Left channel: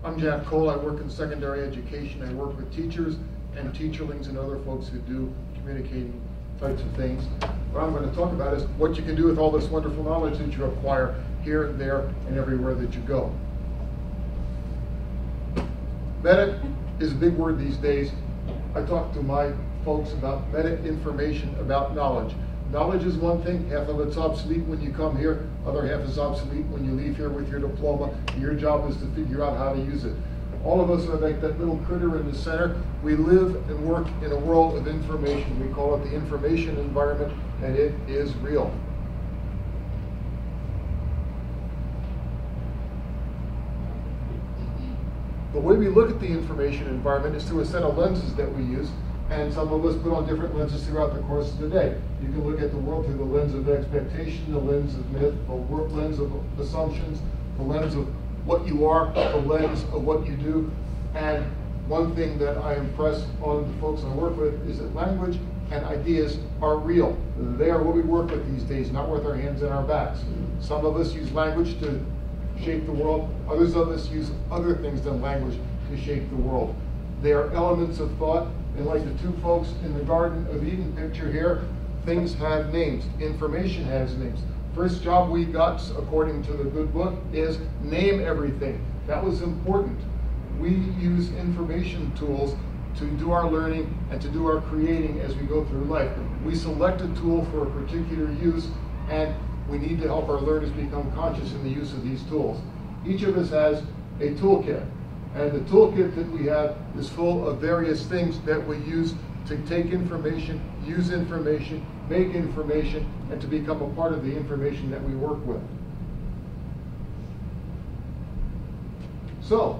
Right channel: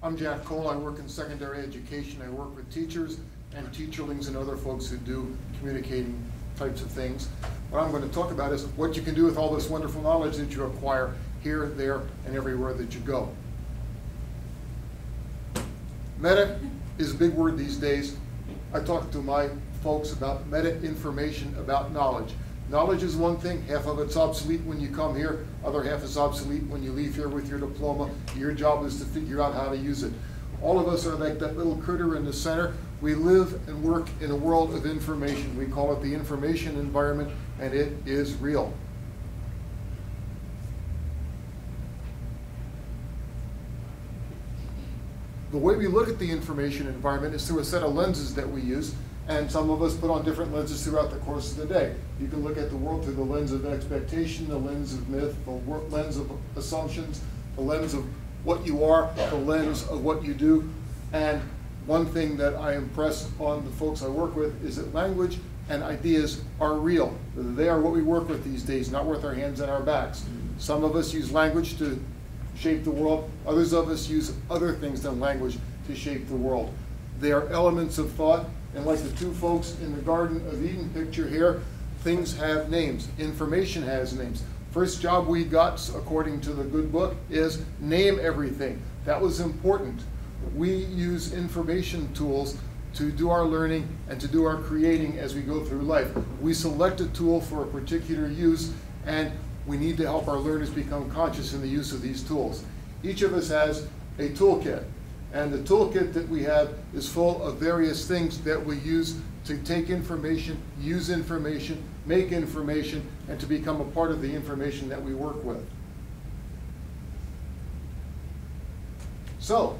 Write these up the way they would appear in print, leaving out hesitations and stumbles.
I'm Jack Cole. I work in secondary education. I work with teachers and teacherlings and other folks who do communicating types of things. What I'm going to talk about is what you can do with all this wonderful knowledge that you acquire here, there, and everywhere that you go. Meta is a big word these days. I talk to my folks about meta-information, about knowledge. Knowledge is one thing, half of it's obsolete when you come here, other half is obsolete when you leave here with your diploma. Your job is to figure out how to use it. All of us are like that little critter in the center. We live and work in a world of information. We call it the information environment, and it is real. The way we look at the information environment is through a set of lenses that we use, and some of us put on different lenses throughout the course of the day. You can look at the world through the lens of expectation, the lens of myth, the lens of assumptions, the lens of what you are, the lens of what you do. And one thing that I impress on the folks I work with is that language and ideas are real. They are what we work with these days, not with our hands and our backs. Some of us use language to shape the world. Others of us use other things than language to shape the world. They are elements of thought, and like the two folks in the Garden of Eden picture here, things have names. Information has names. First job we got, according to the good book, is name everything. That was important. We use information tools to do our learning and to do our creating as we go through life. We select a tool for a particular use, and we need to help our learners become conscious in the use of these tools. Each of us has a toolkit, and the toolkit that we have is full of various things that we use to take information, use information, make information, and to become a part of the information that we work with. So,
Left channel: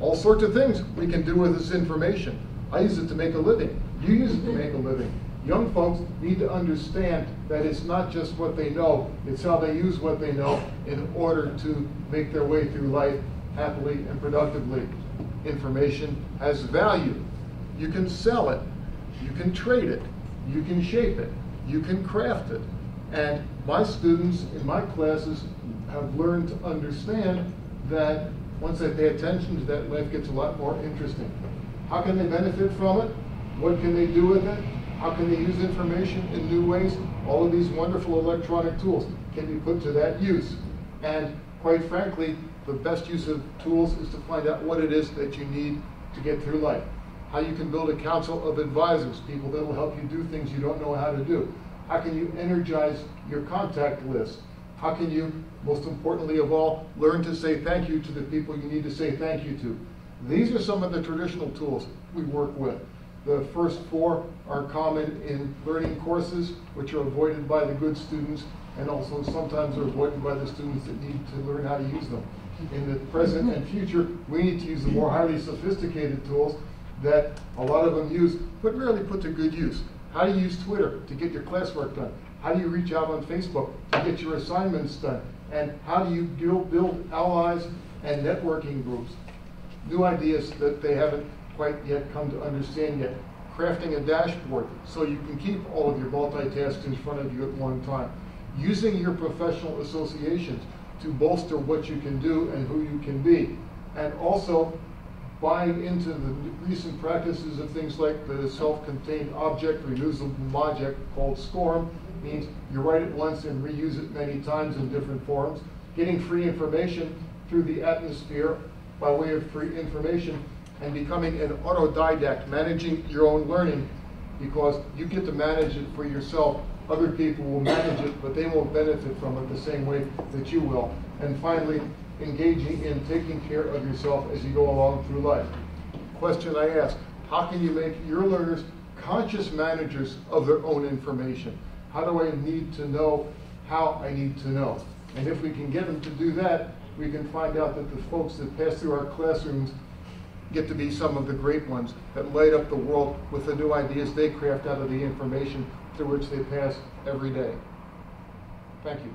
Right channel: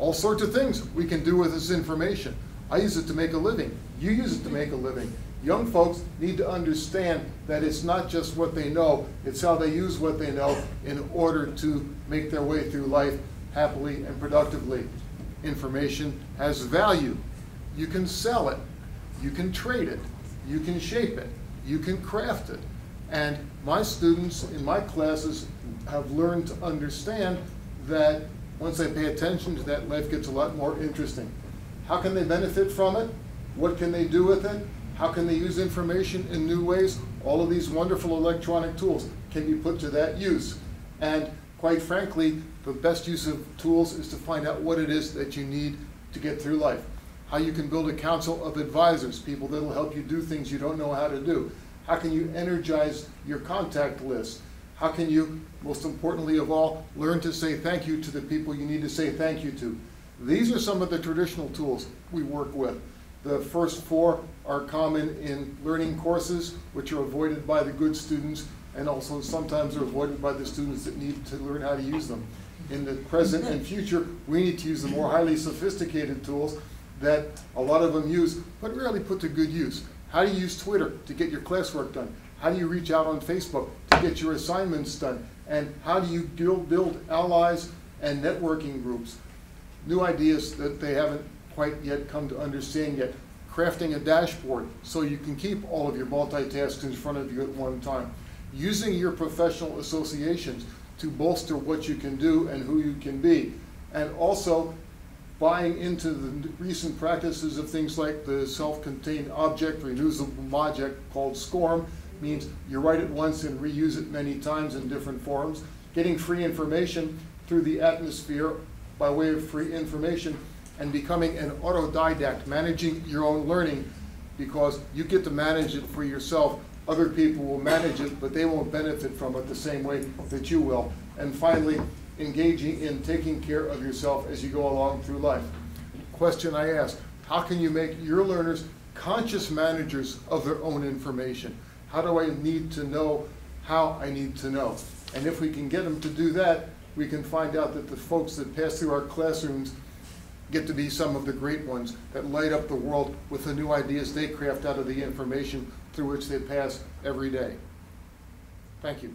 all sorts of things we can do with this information. I use it to make a living. You use it to make a living. Young folks need to understand that it's not just what they know, it's how they use what they know in order to make their way through life happily and productively. Information has value. You can sell it, you can trade it, you can shape it, you can craft it. And my students in my classes have learned to understand that once they pay attention to that, life gets a lot more interesting. How can they benefit from it? What can they do with it? How can they use information in new ways? All of these wonderful electronic tools can be put to that use. And quite frankly, the best use of tools is to find out what it is that you need to get through life. How you can build a council of advisors, people that will help you do things you don't know how to do. How can you energize your contact list? How can you, most importantly of all, learn to say thank you to the people you need to say thank you to? These are some of the traditional tools we work with. The first four are common in learning courses, which are avoided by the good students, and also sometimes are avoided by the students that need to learn how to use them. In the present and future, we need to use the more highly sophisticated tools that a lot of them use, but rarely put to good use. How do you use Twitter to get your classwork done? How do you reach out on Facebook to get your assignments done? And how do you build allies and networking groups? New ideas that they haven't quite yet come to understand yet. Crafting a dashboard so you can keep all of your multitasks in front of you at one time. Using your professional associations to bolster what you can do and who you can be. And also buying into the recent practices of things like the self-contained object, reusable object called SCORM, means you write it once and reuse it many times in different forms. Getting free information through the atmosphere by way of free information, and becoming an autodidact, managing your own learning, because you get to manage it for yourself. Other people will manage it, but they won't benefit from it the same way that you will. And finally, engaging in taking care of yourself as you go along through life. Question I ask, how can you make your learners conscious managers of their own information? How do I need to know how I need to know? And if we can get them to do that, we can find out that the folks that pass through our classrooms get to be some of the great ones that light up the world with the new ideas they craft out of the information through which they pass every day. Thank you.